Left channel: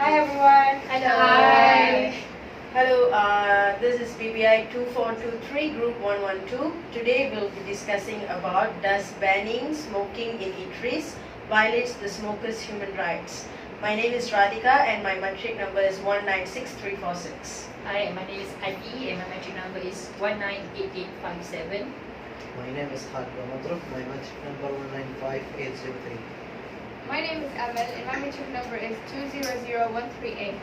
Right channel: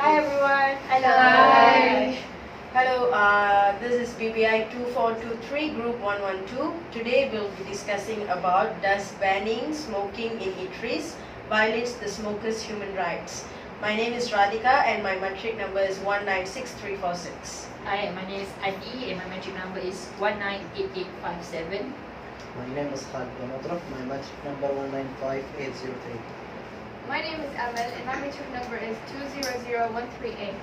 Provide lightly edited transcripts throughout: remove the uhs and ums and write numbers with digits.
Hi everyone. Hello. Hi. Hello, this is Bbi 2423 Group 112. Today we'll be discussing about does banning smoking in eateries violates the smokers' human rights. My name is Radhika and my metric number is 196346. Hi, my name is Adi and my metric number is 198857. My name is Khalid Madruf, my metric number 195803. My name is Amal and my metric number is 200138.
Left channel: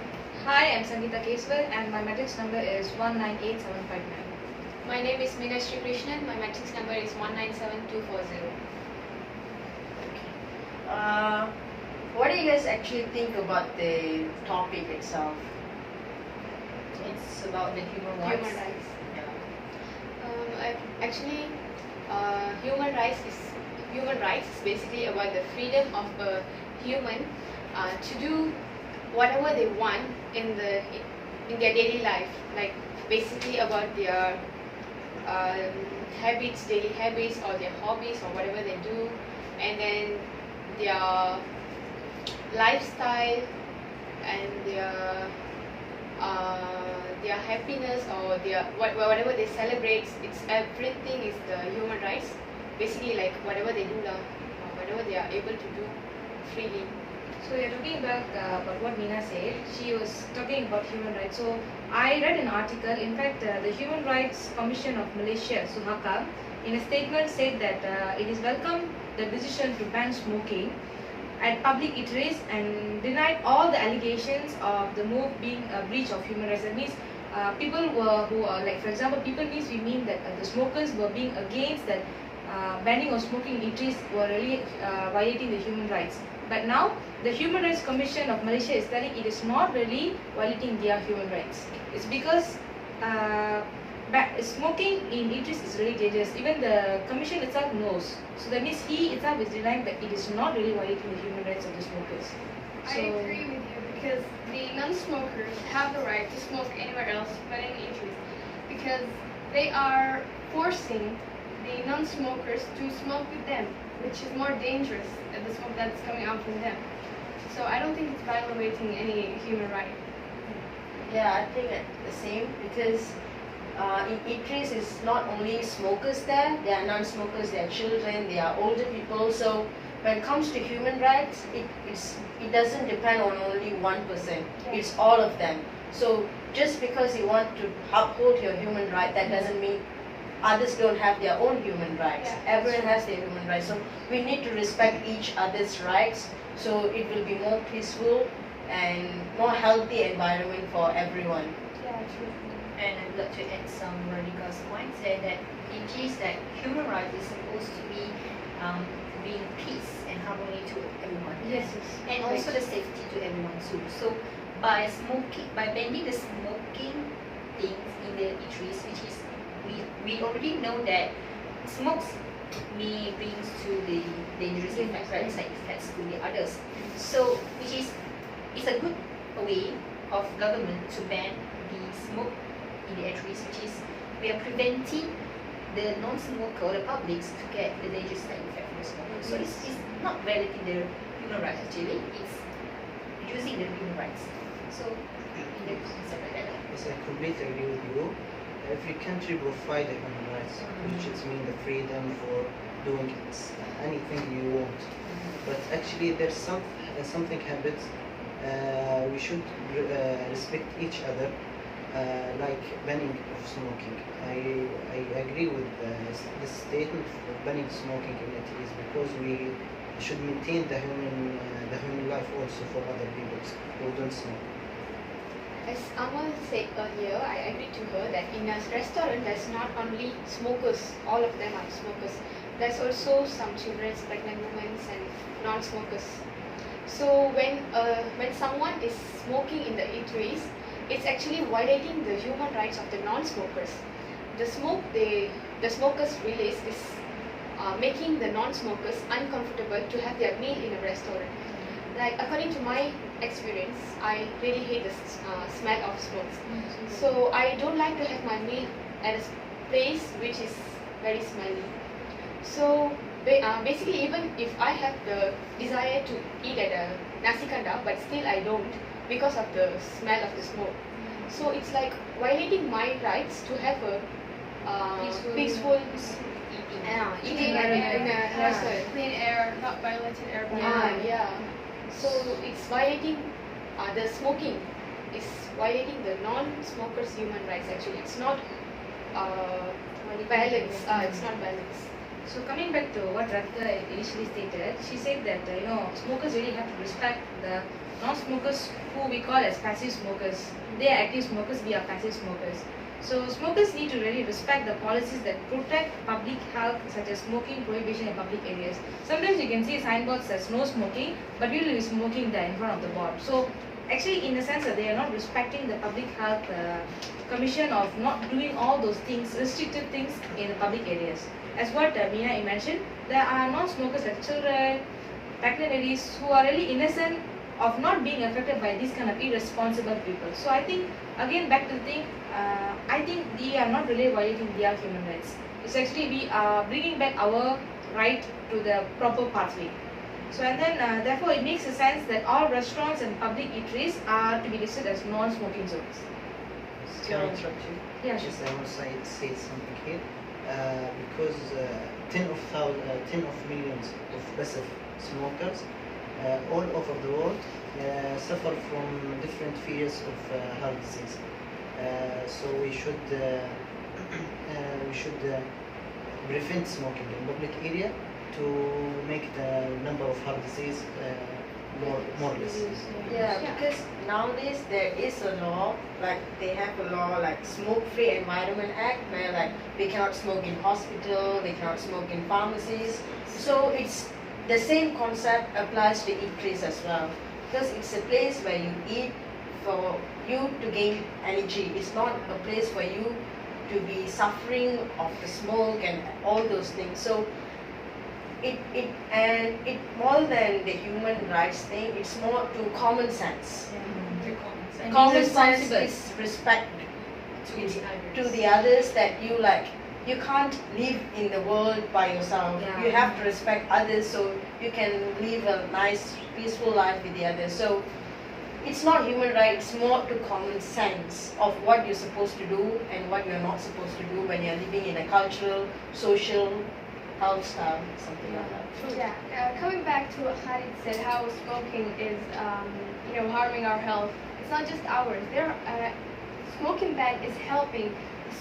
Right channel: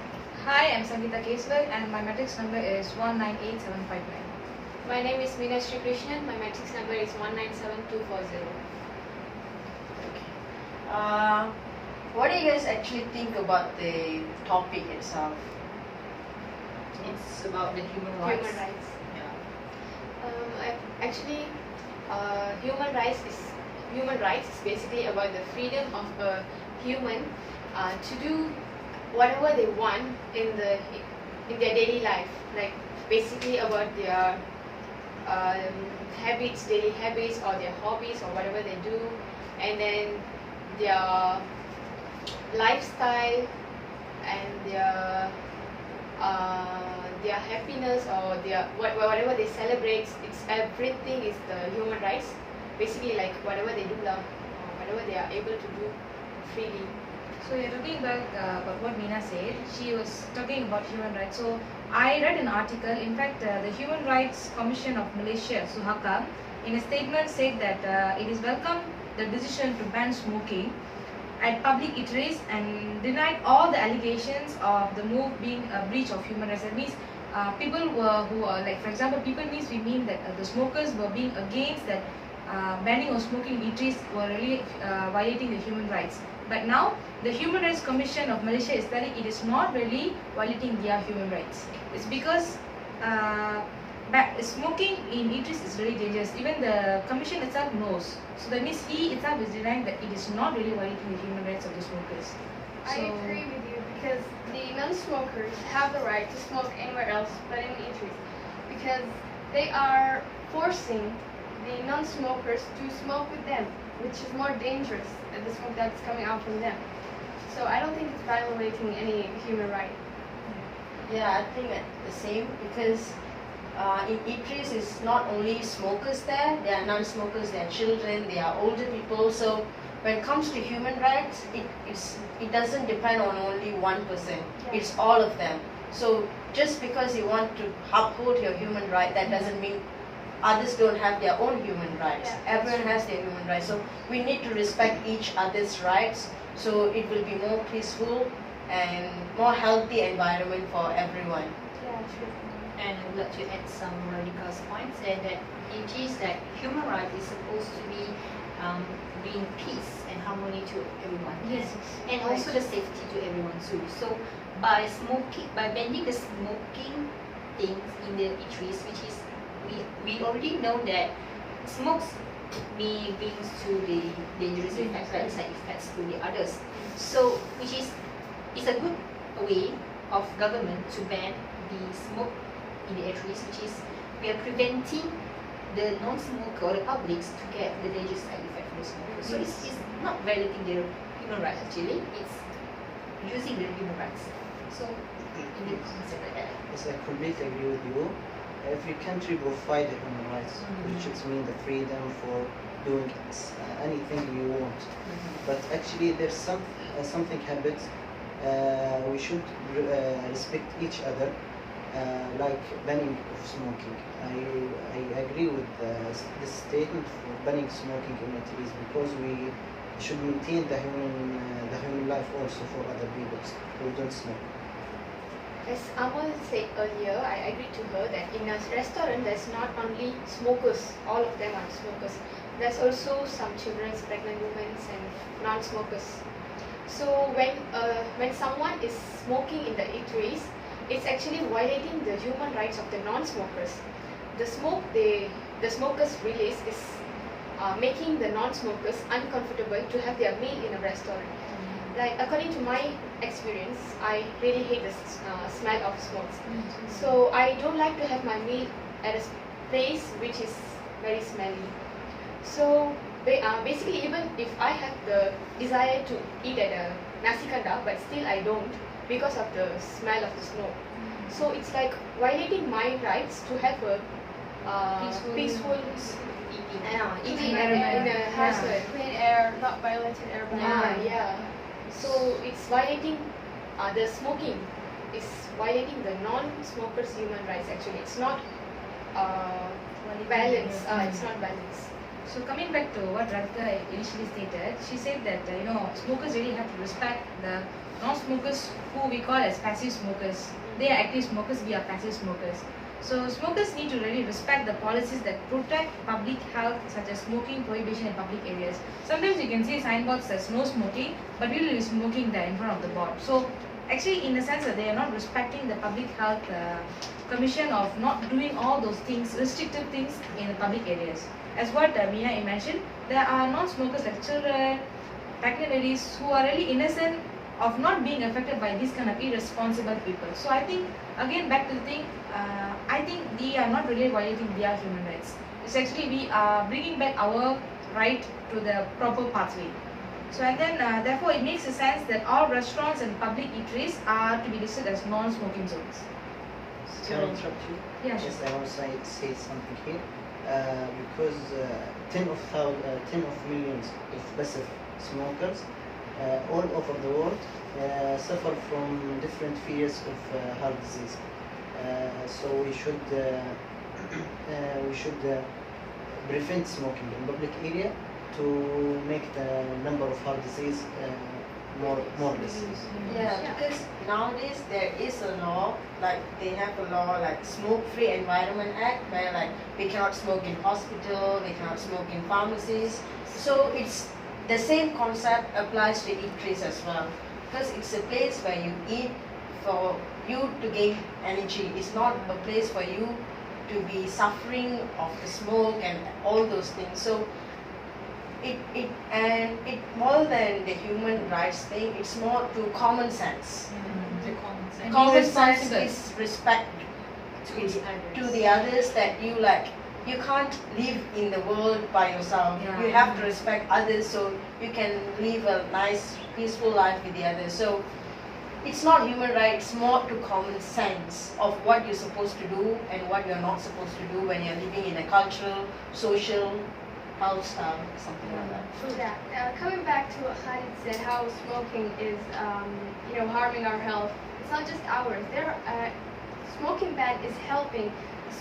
Hi, I'm Sangeeta Keswal and my matrix number is 198759. My name is Meenashri Krishnan. My matrix number is 197240. What do you guys actually think about the topic itself? It's about the human rights. Human rights. Yeah. Actually, human rights is basically about the freedom of a human to do whatever they want in their daily life, like basically about their daily habits or their hobbies or whatever they do, and then their lifestyle and their happiness or whatever they celebrate. It's everything is the human rights. Basically, like whatever they do, whatever they are able to do freely. So you're talking about what Meena said. She was talking about human rights. So I read an article. In fact, the Human Rights Commission of Malaysia, Suhaka, in a statement said that it is welcome the decision to ban smoking at public eateries and denied all the allegations of the move being a breach of human rights. That means people who are, like, for example, people means we mean that the smokers were being against that banning of smoking eateries were really violating the human rights. But now the Human Rights Commission of Malaysia is telling it is not really violating their human rights. It's because smoking in eateries is really dangerous. Even the commission itself knows. So that means he itself is denying that it is not really violating the human rights of the smokers. I agree with you because the non-smokers have the right to smoke anywhere else but in eateries because they are forcing the non-smokers to smoke with them, which is more dangerous than the smoke that's coming out from them. So I don't think it's violating any human right. Yeah, I think the same because in eateries it's not only smokers there are non-smokers, there are children, there are older people. So when it comes to human rights, it doesn't depend on only one person. It's all of them. So just because you want to uphold your human right, that doesn't mean others don't have their own human rights. Everyone has their human rights. So we need to respect each other's rights so it will be more peaceful and more healthy environment for everyone. Yeah, true. And I'd like to add some Radhika's points that it is that human rights is supposed to be bring peace and harmony to everyone. Yes. And also the safety to everyone too. So by banning the smoking things in the eateries, which is we already know that smokes may brings to the dangerous effects, right, side effects to the others. So it's a good way of government to ban the smoke in the eateries, which is we are preventing the non-smoker or the publics to get the dangerous side effect from the smoker. So it's not violating their human rights actually, it's using their human rights. So in the concept like that. Yes, I completely agree with you. Every country will fight the human rights, which is mean the freedom for doing anything you want. But actually, there's something habits. We should respect each other, like banning of smoking. I agree with this statement for banning smoking in eateries because we should maintain the human life also for other people who don't smoke. As Amal said earlier, I agree to her that in a restaurant there's not only smokers, all of them are smokers. There's also some children, pregnant women and non-smokers. So when someone is smoking in the eateries, it's actually violating the human rights of the non-smokers. The smoke the smokers release is making the non-smokers uncomfortable to have their meal in a restaurant. Like according to my experience, I really hate the smell of smokes. So I don't like to have my meal at a place which is very smelly. So basically, even if I have the desire to eat at a nasi kandar, but still I don't because of the smell of the smoke. So it's like violating my rights to have a peaceful eating in a house. Clean air, not violated air by Yeah. So it's violating the smoking. It's violating the non-smokers' human rights. Actually, it's not balance. It's not balance. So coming back to what Radhika initially stated, she said that smokers really have to respect the non-smokers who we call as passive smokers. They are active smokers, we are passive smokers. So smokers need to really respect the policies that protect public health, such as smoking prohibition in public areas. Sometimes you can see signboards that says no smoking, but you will be smoking there in front of the board. So actually, in the sense that they are not respecting the public health commission of not doing all those things, restricted things in the public areas. As what Meena mentioned, there are non-smokers like children, pregnant ladies who are really innocent of not being affected by these kind of irresponsible people. So I think, again, back to the thing, I think we are not really violating their human rights. It's actually we are bringing back our right to the proper pathway. So and then therefore it makes a sense that all restaurants and public eateries are to be listed as non-smoking zones. Can I interrupt you? Yeah, sure. Yes, I want to say something here. Because 10 of millions of passive smokers all over the world suffer from different fears of heart disease. So we should prevent smoking in public area to make the number of heart disease more less. Yeah, because nowadays there is a law, like they have a law like Smoke-Free Environment Act, where like we cannot smoke in hospital, we cannot smoke in pharmacies. So it's the same concept applies to eateries as well, because it's a place where you eat for you to gain energy. It's not a place for you to be suffering of the smoke and all those things. So it more than the human rights thing, it's more to common sense. And Common be sense responsible. is respect to to the others, that you can't live in the world by yourself. Yeah. You have to respect others so you can live a nice peaceful life with the others. So it's not human rights, it's more to common sense of what you're supposed to do and what you're not supposed to do when you're living in a cultural, social health style, something like that. Yeah, coming back to what Khalid said, how smoking is, harming our health. It's not just ours. Smoking ban is helping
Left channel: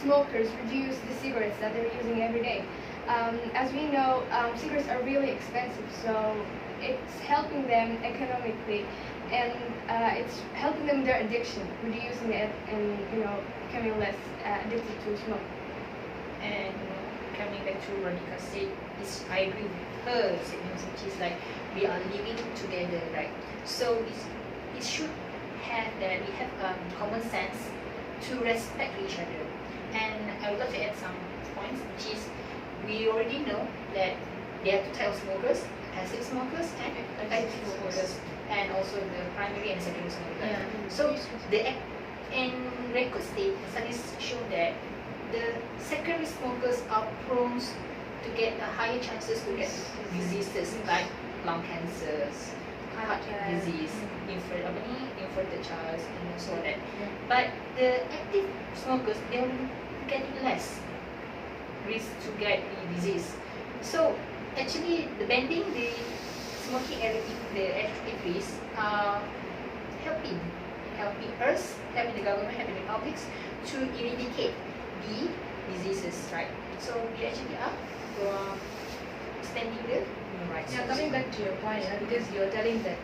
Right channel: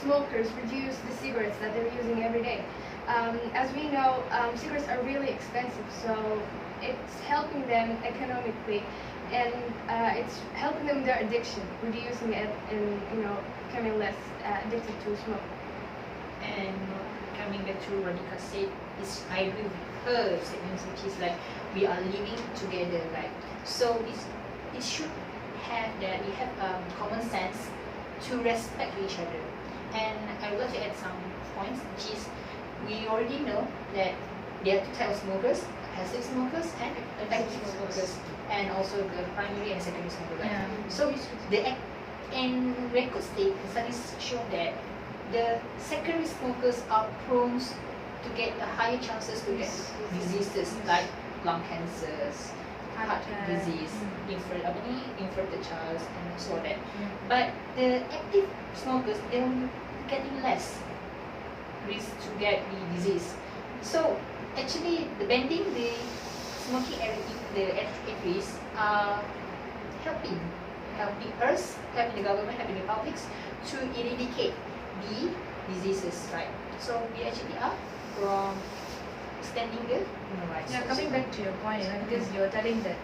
smokers reduce the cigarettes that they're using every day. As we know, cigarettes are really expensive, so it's helping them economically, and it's helping them their addiction, reducing it, and becoming less addicted to smoke. And coming back to Radhika said, I agree with her statements, which is like we are living together, right? So it should have that we have common sense to respect each other. And I would like to add some points, which is we already know that there are two types of smokers: passive smokers and active smokers, and also the primary and secondary smokers. Right? Yeah. So in record state, studies show that the secondary smokers are prone to get higher chances to get diseases like lung cancers, heart disease, infertile child, and also that. But the active smokers, they're getting less risk to get the disease. So actually, the bending the smoking area, the eateries are helping us, helping the government, helping the publics to eradicate the diseases, right? So we actually are extending the human rights. Now coming back to your point, because you're telling that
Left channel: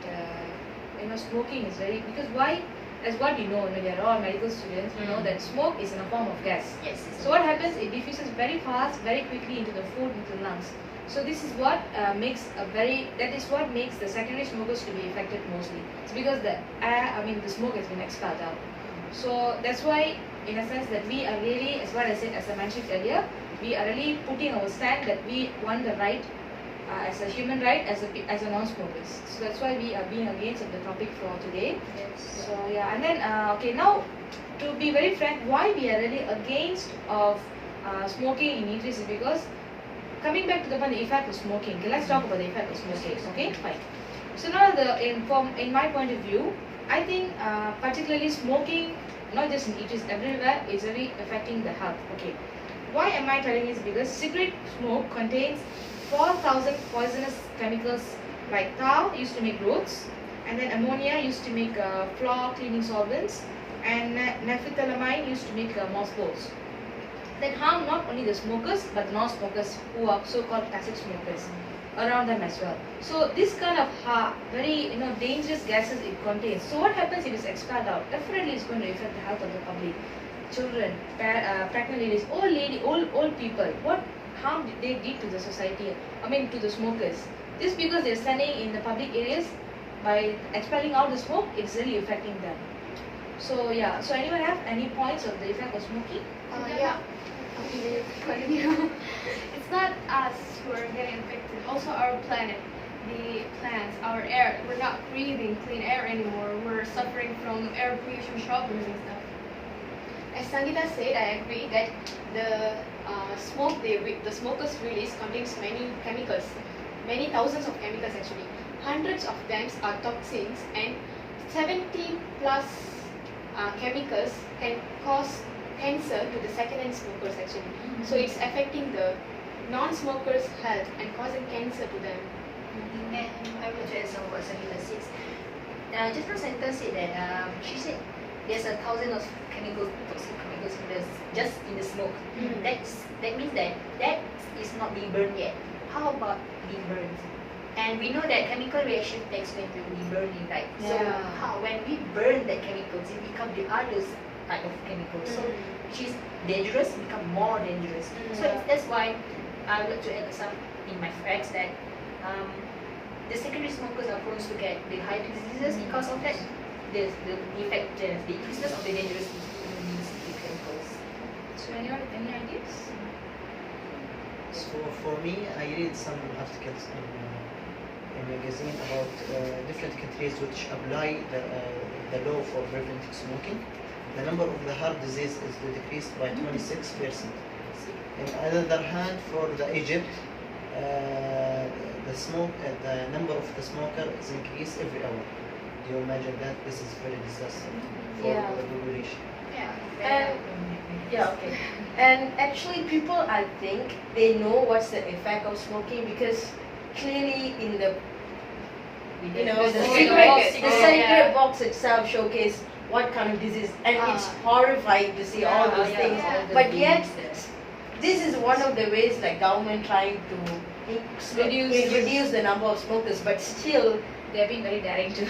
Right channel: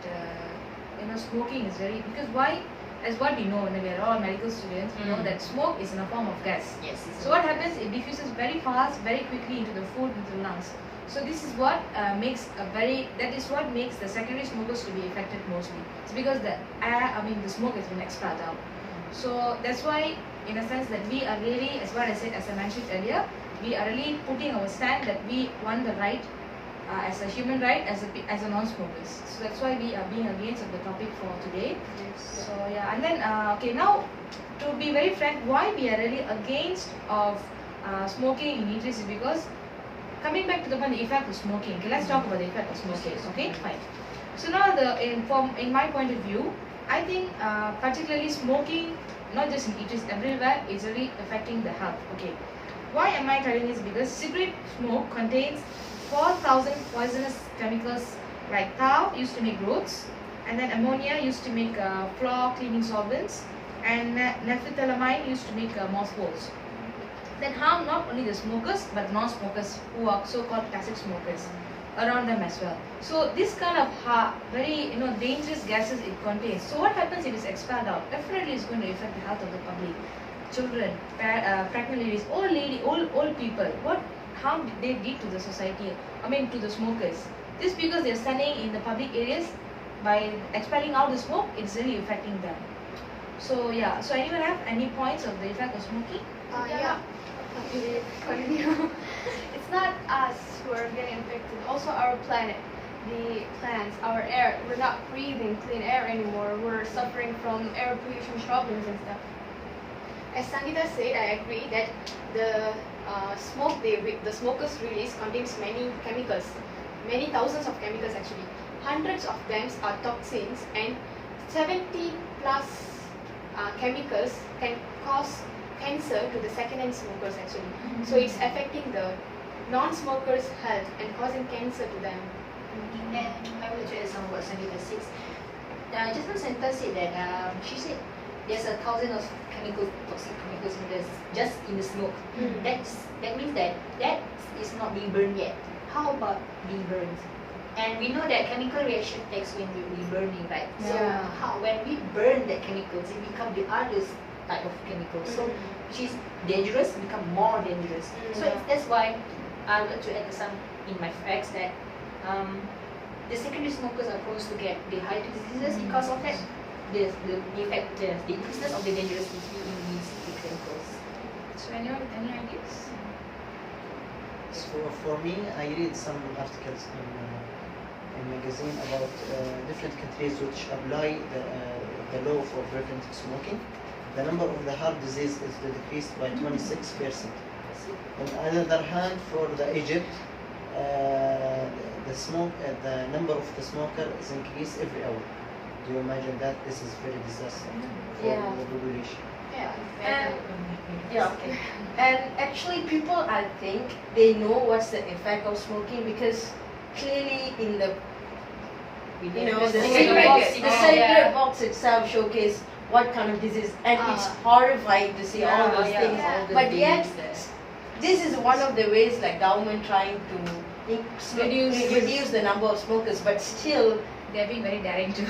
smoking is very, because why, as what we know, we are all medical students, we know that smoke is in a form of gas. Yes. So what happens, it diffuses very fast, very quickly into the food, into the lungs. So this is what makes the secondary smokers to be affected mostly. It's because the the smoke has been expelled out. So that's why, in a sense, that we are really, as what I said, as I mentioned earlier, we are really putting our stand that we want the right as a human right as a non-smokers. So that's why we are being against of the topic for today. Yes. So yeah, and then okay, now to be very frank, why we are really against of smoking in eateries is because coming back to the point, the effect of smoking. Okay, let's talk about the effect of smoking. Okay, fine. So now in my point of view, I think particularly smoking, not just in eateries, everywhere, is really affecting the health. Okay, why am I telling this? Because cigarette smoke contains 4,000 poisonous chemicals like tar used to make roads, and then ammonia used to make floor cleaning solvents, and naphthalamine used to make mothballs. That harm not only the smokers but non-smokers who are so-called passive smokers around them as well. So this kind of very dangerous gases it contains. So what happens if it's expelled out? Definitely it's going to affect the health of the public, children, pregnant ladies, old people. What harm did they did to the society? I mean to the smokers. This because they're standing in the public areas, by expelling out the smoke, it's really affecting them. So yeah. So anyone have any points of the effect of smoking? Yeah. It's not us who are getting infected, also our planet, the plants, our air. We're not breathing clean air anymore. We're suffering from air pollution problems and stuff. As Sangeeta said, I agree that the the smokers release contains many chemicals, many thousands of chemicals actually. Hundreds of them are toxins, and 70 plus chemicals can cause cancer to the second-hand smokers actually. So it's affecting the non-smokers' health and causing cancer to them. And I will add some what Sangeeta says. Just now Sangeeta said that she said there's 1,000 of toxic chemicals just in the smoke. That means that is not being burned yet. How about being burned? And we know that chemical reaction takes when we burn it, right? So when we burn that chemicals, it becomes the other type of chemicals. So which is dangerous, become more dangerous. So that's why I would like to add some in my facts that the secondary smokers are prone to get the heart diseases because of that. The effect, the increases of the dangerous in these chemicals. So anyone with any ideas? So for me, I read some articles in magazine about different countries which apply the law for preventing smoking. The number of the heart disease is decreased by 26%. On the other hand, for the Egypt, the number of the smoker is increased every hour. Do you imagine that? This is very disaster for the population. Okay. And actually, people, I think, they know what's the effect of smoking because clearly in the cigarette box itself showcase what kind of disease, and it's horrifying to see all those things. But yet, this is one of the ways like government trying to reduce the number of smokers, but still They're being very daring too.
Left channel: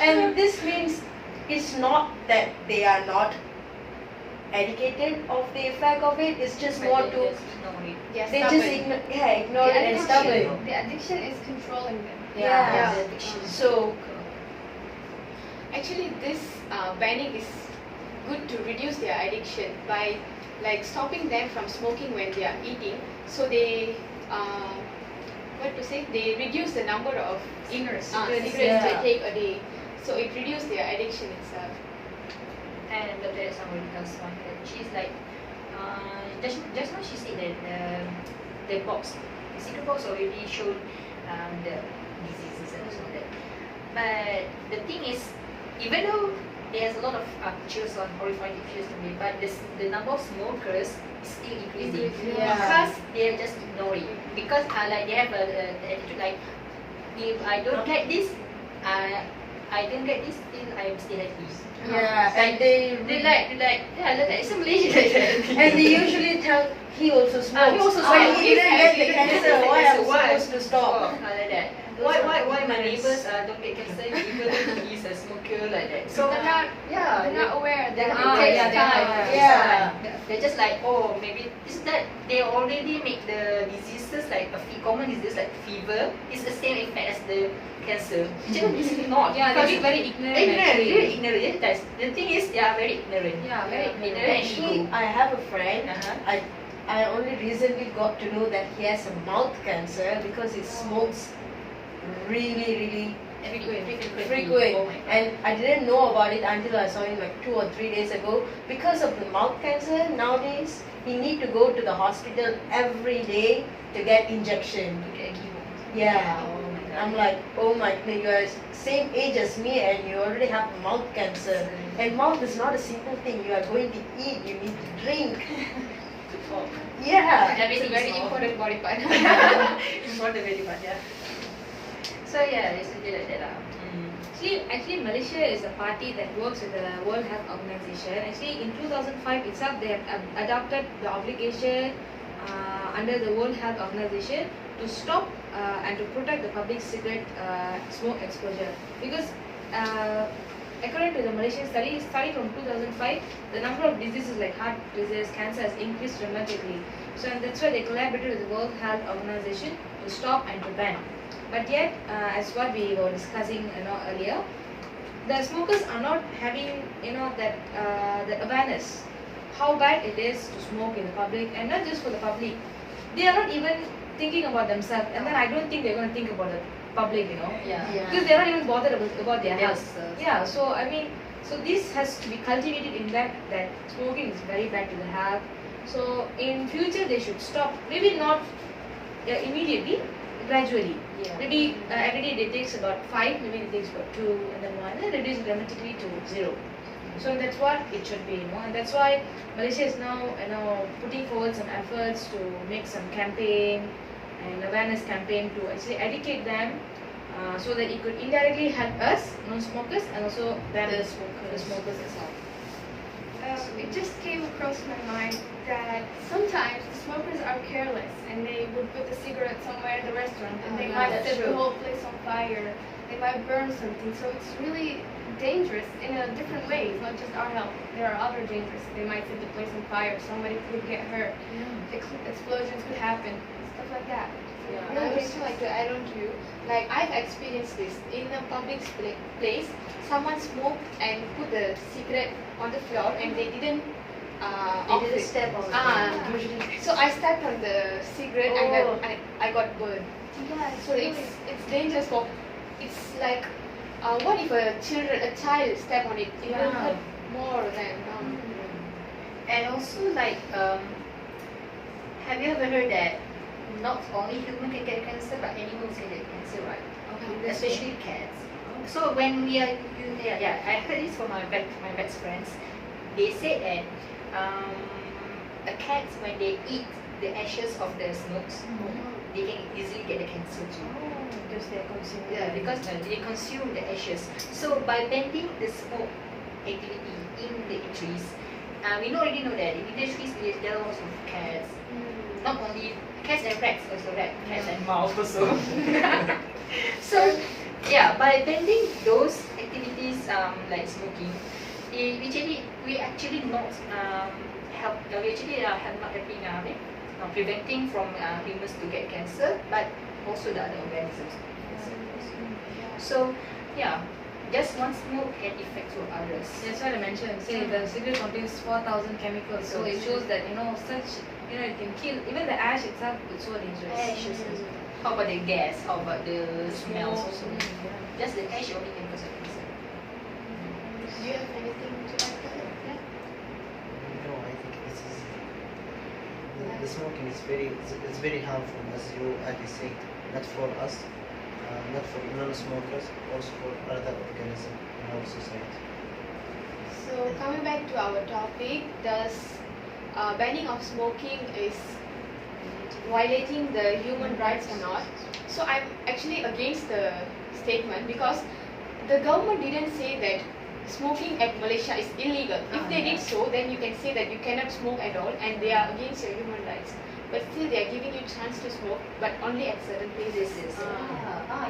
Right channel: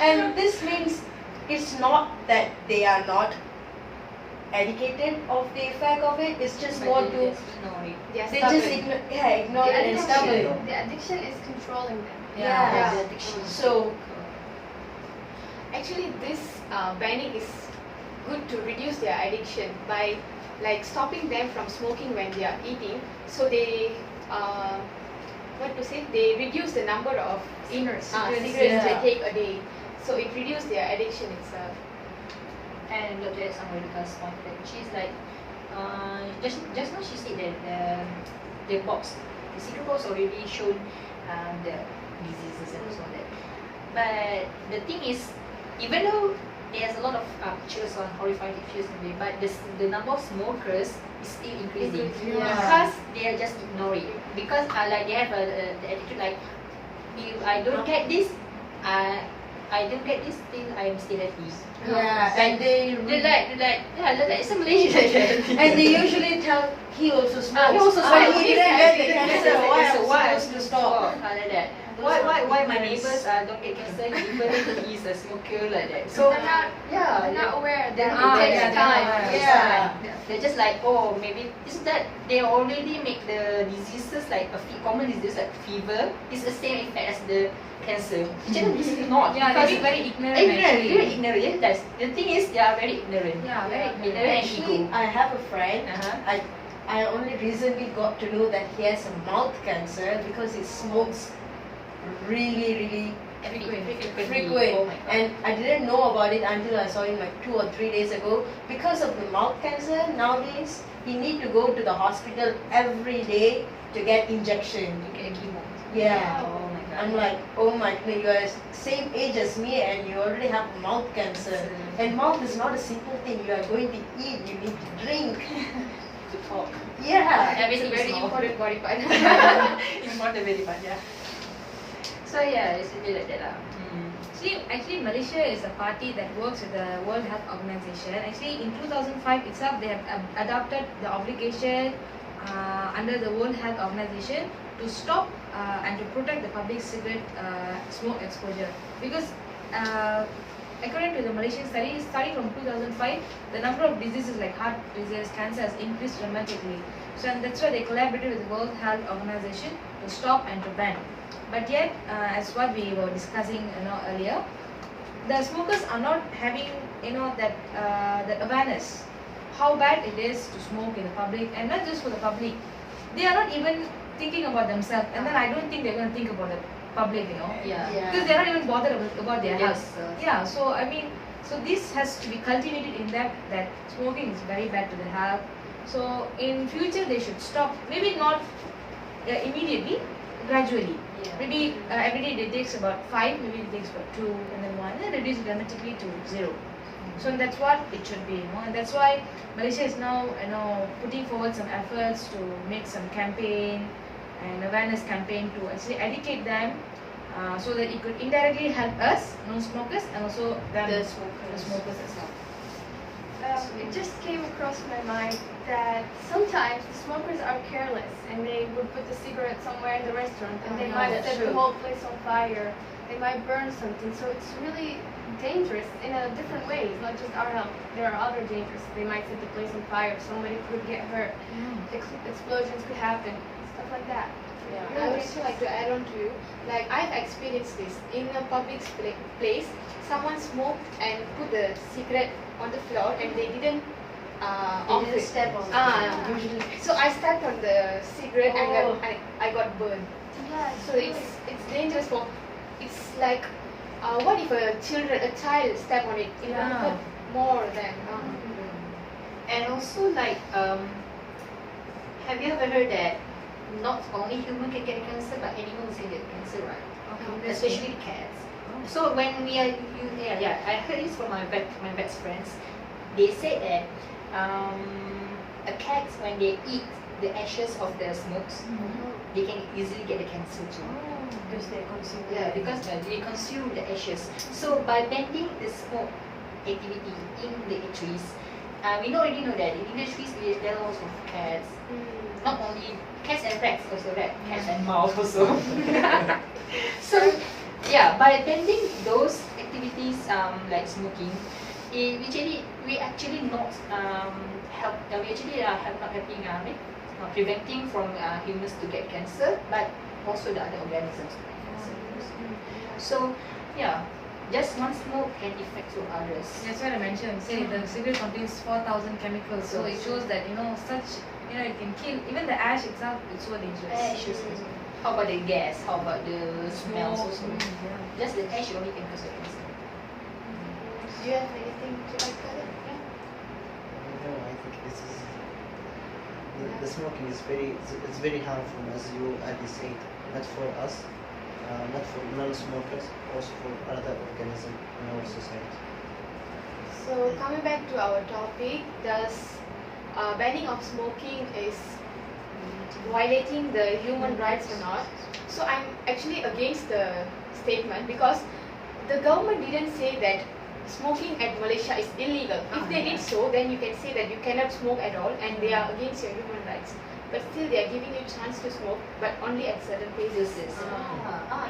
And this means it's not that they are not educated of the effect of it. It's just more to they just ignore it and stubborn. The addiction is controlling them. The addiction. So Actually, this banning is good to reduce their addiction by like stopping them from smoking when they are eating. So they they reduce the number of cigarettes they take a day. So it reduces their addiction itself. And Dr. Samaritas one that she's like just now she said that the secret box already showed the diseases and so on that. But the thing is, even though there's a lot of pictures on horrifying pictures today, but the number of smokers is still increasing because they are just ignoring it. Because like they have the attitude like, if I don't get this, I don't get this, still I am still happy. and they like it's a Malaysian like that. and they usually tell he also smokes. He also When smokes. he didn't get the cancer, why am I Why? supposed to stop? Like that. Why my neighbors don't get cancer even if he's a smoker like that. So They're not aware that It takes time. They're just like, oh, maybe it's that they already make the diseases like common disease like fever. It's the same effect as the cancer. It's not. Yeah, because they're being very ignorant. Very ignorant. Yes, the thing is, they are very ignorant. Very ignorant. Actually, I have a friend. I only recently got to know that he has a mouth cancer because he smokes really frequent. Oh my God. And I didn't know about it until I saw him like 2 or 3 days ago. Because of the mouth cancer nowadays, he need to go to the hospital every day to get injection. To get a chemo. Yeah. Oh my God. I'm like, oh my god, you're same age as me and you already have mouth cancer. And mouth is not a simple thing. You are going to eat, you need to drink. To talk. Yeah. Everything Very is all- important body part. Important very much, yeah. So yeah, it's a bit like that. Actually, Malaysia is a party that works with the World Health Organization. Actually, in 2005 itself, they have adopted the obligation under the World Health Organization to stop and to protect the public cigarette smoke exposure. Because according to the Malaysian study from 2005, the number of diseases like heart disease, cancer has increased dramatically. So and that's why they collaborated with the World Health Organization to stop and to ban. But yet, as what we were discussing earlier, the smokers are not having that awareness how bad it is to smoke in the public, and not just for the public. They are not even thinking about themselves, and then I don't think they're going to think about the public, Yeah. because they're not even bothered about their health. Themselves. Yeah, so I mean, so this has to be cultivated in that smoking is very bad to the health. So in future they should stop. Maybe not immediately, gradually. Yeah. Maybe every day it takes about 5, maybe it takes about 2, and then 1, and then reduce dramatically to 0. So that's what it should be, and that's why Malaysia is now putting forward some efforts to make some campaign and awareness campaign to actually educate them, so that it could indirectly help us non-smokers and also ban the smokers as well. It just came across my mind that sometimes the smokers are careless and they would put the cigarette somewhere in the restaurant and they might that's set the true. whole place on fire. They might burn something. So it's really dangerous in a different way. It's not just our health. There are other dangers. They might set the place on fire. Somebody could get hurt. Explosions could happen. Stuff like that. Yeah. I would also like to add on to you, like I've experienced this in a public place. Someone smoked and put the cigarette on the floor and they didn't off They it. just step on it. Usually. So I stepped on the cigarette Oh. and then I got burned. Yeah, So it's dangerous for. It's like, what if a child step on it? It will Yeah. hurt more than. And also like, have you ever heard that not only human can get cancer, but animals can get cancer, right? Okay, Especially cats. So when we are, I heard this from my best friends. They said that a cat, when they eat the ashes of the smokes, they can easily get the cancer too. Because they're consuming. Yeah, because they consume the ashes. So by banning the smoke activity in the eateries, we already know that in the eateries there are also cats. Not only cats and rats, also cats and mouse also. So yeah, by banning those activities like smoking, we actually not help. We actually have not helping preventing from humans to get cancer, but also the other organisms. So yeah, just one smoke can affect to others. That's what I mentioned. Say the cigarette contains 4,000 chemicals, so it shows that it can kill. Even the ash itself is so dangerous. Ashes. How about the gas? How about the smells also? Yeah. Just the ash only can cause cancer. Do you have anything to add to that? No, I think this is the smoking is very harmful, as you said, not for us, not for non-smokers, also for other organisms in our society. So coming back to our topic, does banning of smoking is violating the human rights or not? So I'm actually against the statement because the government didn't say that smoking at Malaysia is illegal. If they did so, then you can say that you cannot smoke at all and they are against your human rights. But still they are giving you chance to smoke, but only at certain places.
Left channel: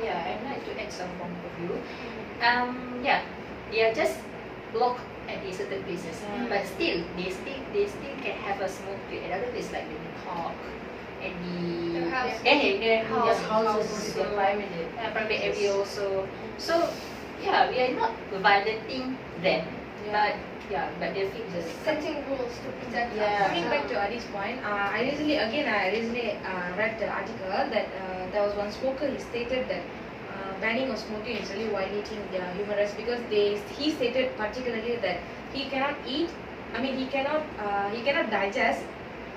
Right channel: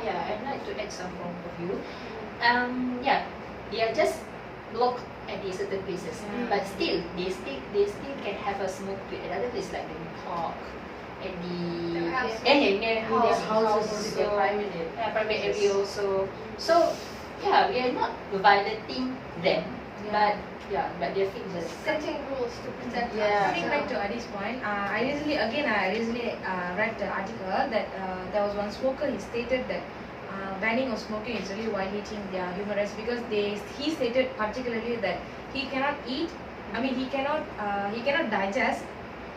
Yeah, I'd like to add some point of view. Yeah, they are just blocked at the certain places, but still they still can have a smoke at other places like in the park, at the house. in their Their house, houses, their private private area also. So yeah, we are not violating them, but they think just Setting rules to protect Yeah. us. Coming back to Adi's point, I recently read the article that there was one smoker. He stated that banning of smoking is really violating their human rights because he stated particularly that he cannot eat. I mean, he cannot digest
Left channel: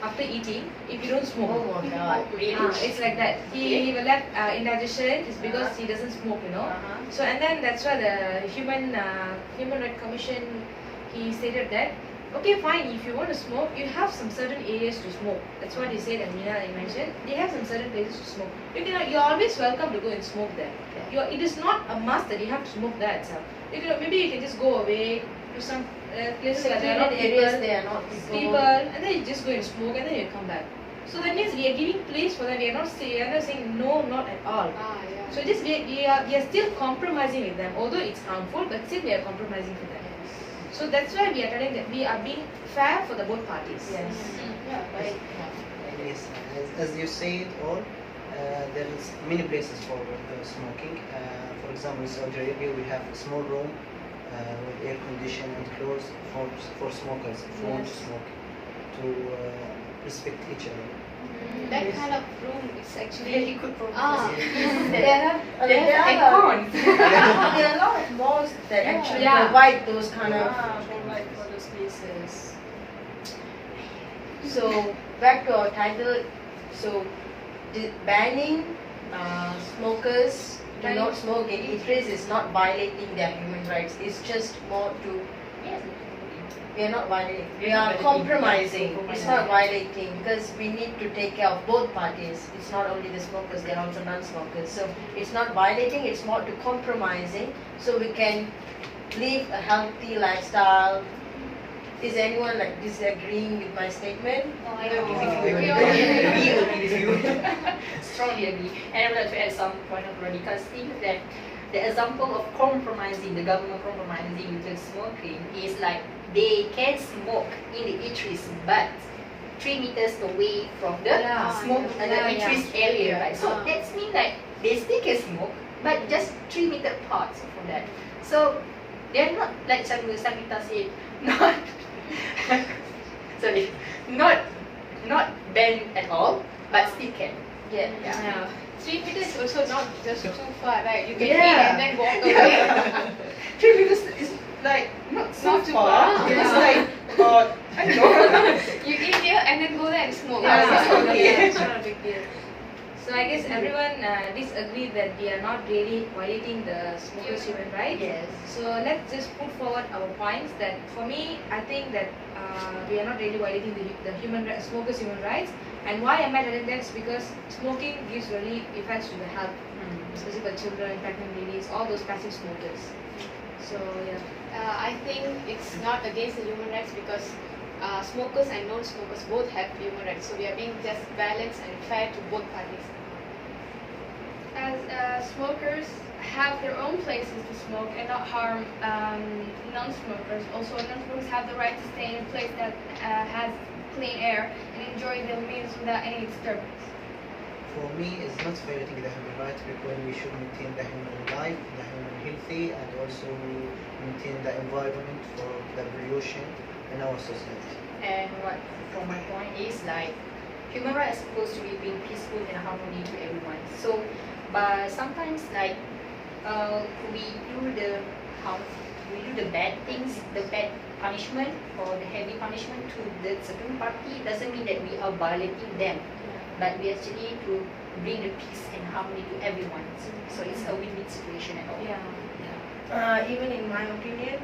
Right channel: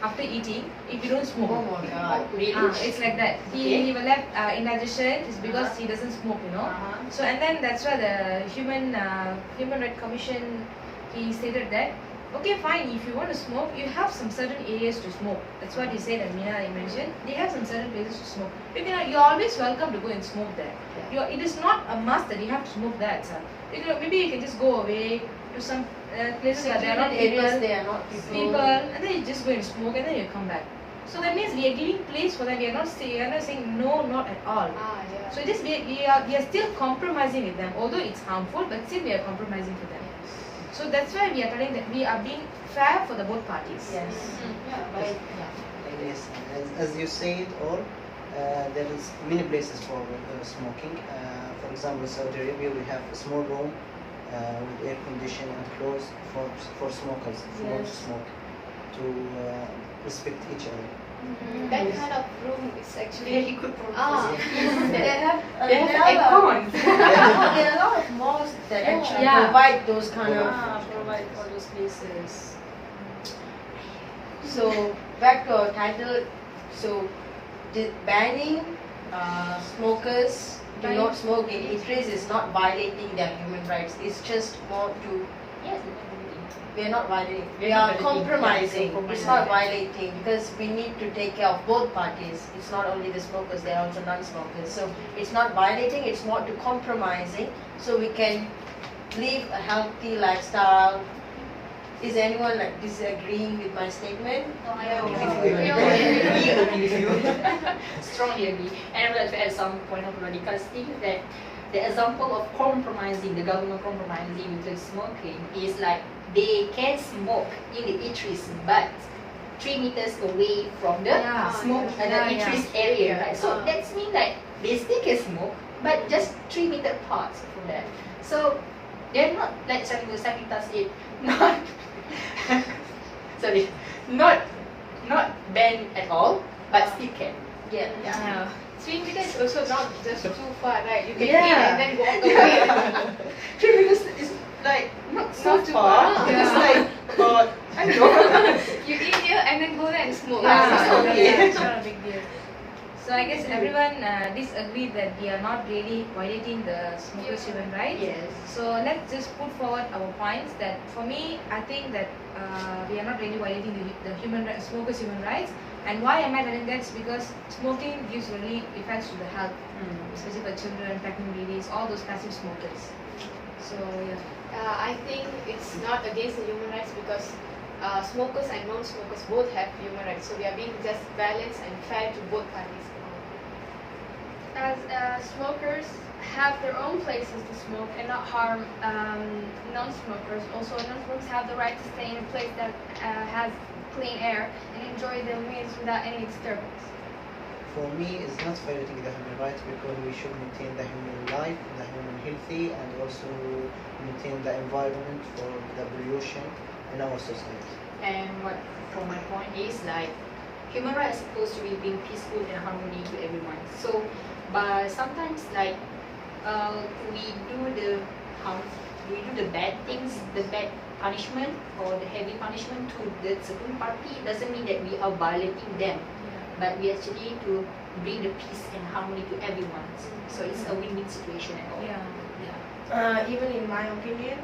after eating if you don't smoke. Oh my God. Really? It's like that. He will have indigestion is because he doesn't smoke, you know. So and then that's why the Human Rights Commission he stated that okay fine, if you want to smoke you have some certain areas to smoke. That's what he said, and Mina mentioned they have some certain places to smoke. You're always welcome to go and smoke there. It is not a must that you have to smoke there itself. Maybe you can just go away to some places where there are not areas people, they are not people. and then you just go and smoke and then you come back. So that means we are giving place for that. We are not saying no, not at all. So just we are still compromising with them, although it's harmful, but still we are compromising with them. So that's why we are telling that we are being fair for the both parties. Yes. Yes, as you said, or there is many places for smoking. For example, in Saudi Arabia, we have a small room with air condition and clothes for smokers who want to smoke, to respect each other. That kind of room is actually Very good for There are a lot of malls that actually provide those kind of provide for those places. So back to our title. So banning smokers to not smoke in eateries is not violating their human rights. It's just more to we are not violating. We are compromising. It's not violating because we need to take care of both parties. It's not only the smokers, there are also non-smokers. So it's not violating, it's more to compromising so we can live a healthy lifestyle. Is anyone like disagreeing with my statement? No, I agree with you. Strongly agree. And I would like to add some point of radical thing that the example of compromising, the government compromising with smoking is like they can smoke in the eateries, but 3 meters away from the eateries area, right? So that means like they still can smoke, but just 3 meter apart from that. So they're not like Sakita said, not sorry, not banned at all, but still can. Yeah. 3 meters also not just too far, right? You can eat and then walk away. 3 meters is like not so Not too far. far. It's like I know. You eat here and then go there and smoke. It's not a big deal. So I guess everyone disagree that we are not really violating the smokers' human rights. Yes. So let's just put forward our points. That for me, I think that we are not really violating the smokers' human rights. And why am I telling that? It's because smoking gives really effects to the health, especially for children, pregnant ladies, all those passive smokers. So I think it's not against the human rights because smokers and non-smokers both have human rights. So we are being just balanced and fair to both parties. As smokers have their own places to smoke and not harm non-smokers. Also, non-smokers have the right to stay in a place that has clean air and enjoy their meals without any disturbance. For me, it's not violating the human rights because we should maintain the human life, the human healthy, and also maintain the environment for the pollution in our society. And what from my point is like human rights are supposed to be being peaceful and harmony to everyone. So, but sometimes like we do the bad things, the bad punishment or the heavy punishment to the certain party. Doesn't mean that we are violating them, but we actually to bring the peace and harmony to everyone. So it's a win-win situation at all. Even in my opinion,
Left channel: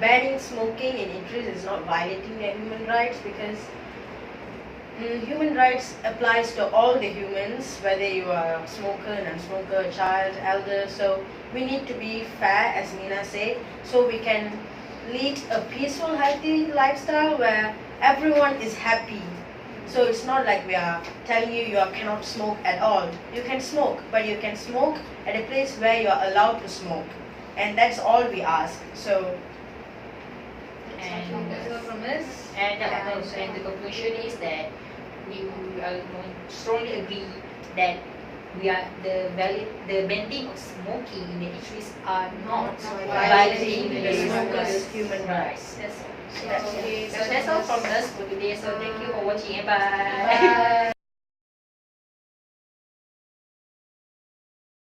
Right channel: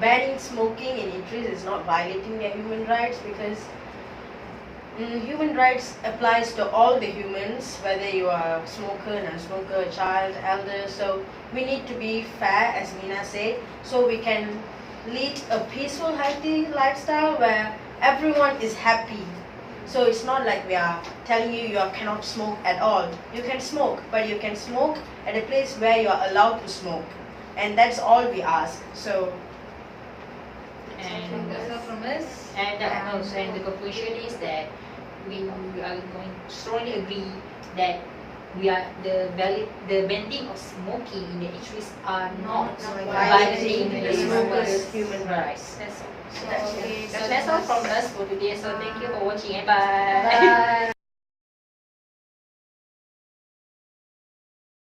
banning smoking in eateries is not violating their human rights because human rights applies to all the humans, whether you are a smoker, non-smoker, child, elder. So we need to be fair, as Mina said, so we can lead a peaceful, healthy lifestyle where everyone is happy. So it's not like we are telling you cannot smoke at all. You can smoke, but you can smoke at a place where you are allowed to smoke. And that's all we ask. So And that's all from us. And the conclusion is that we are going to strongly agree that the banning of smoking in the eateries are not violating the smokers' human rights. That's all. So that's all from us for today. So thank you for watching and bye.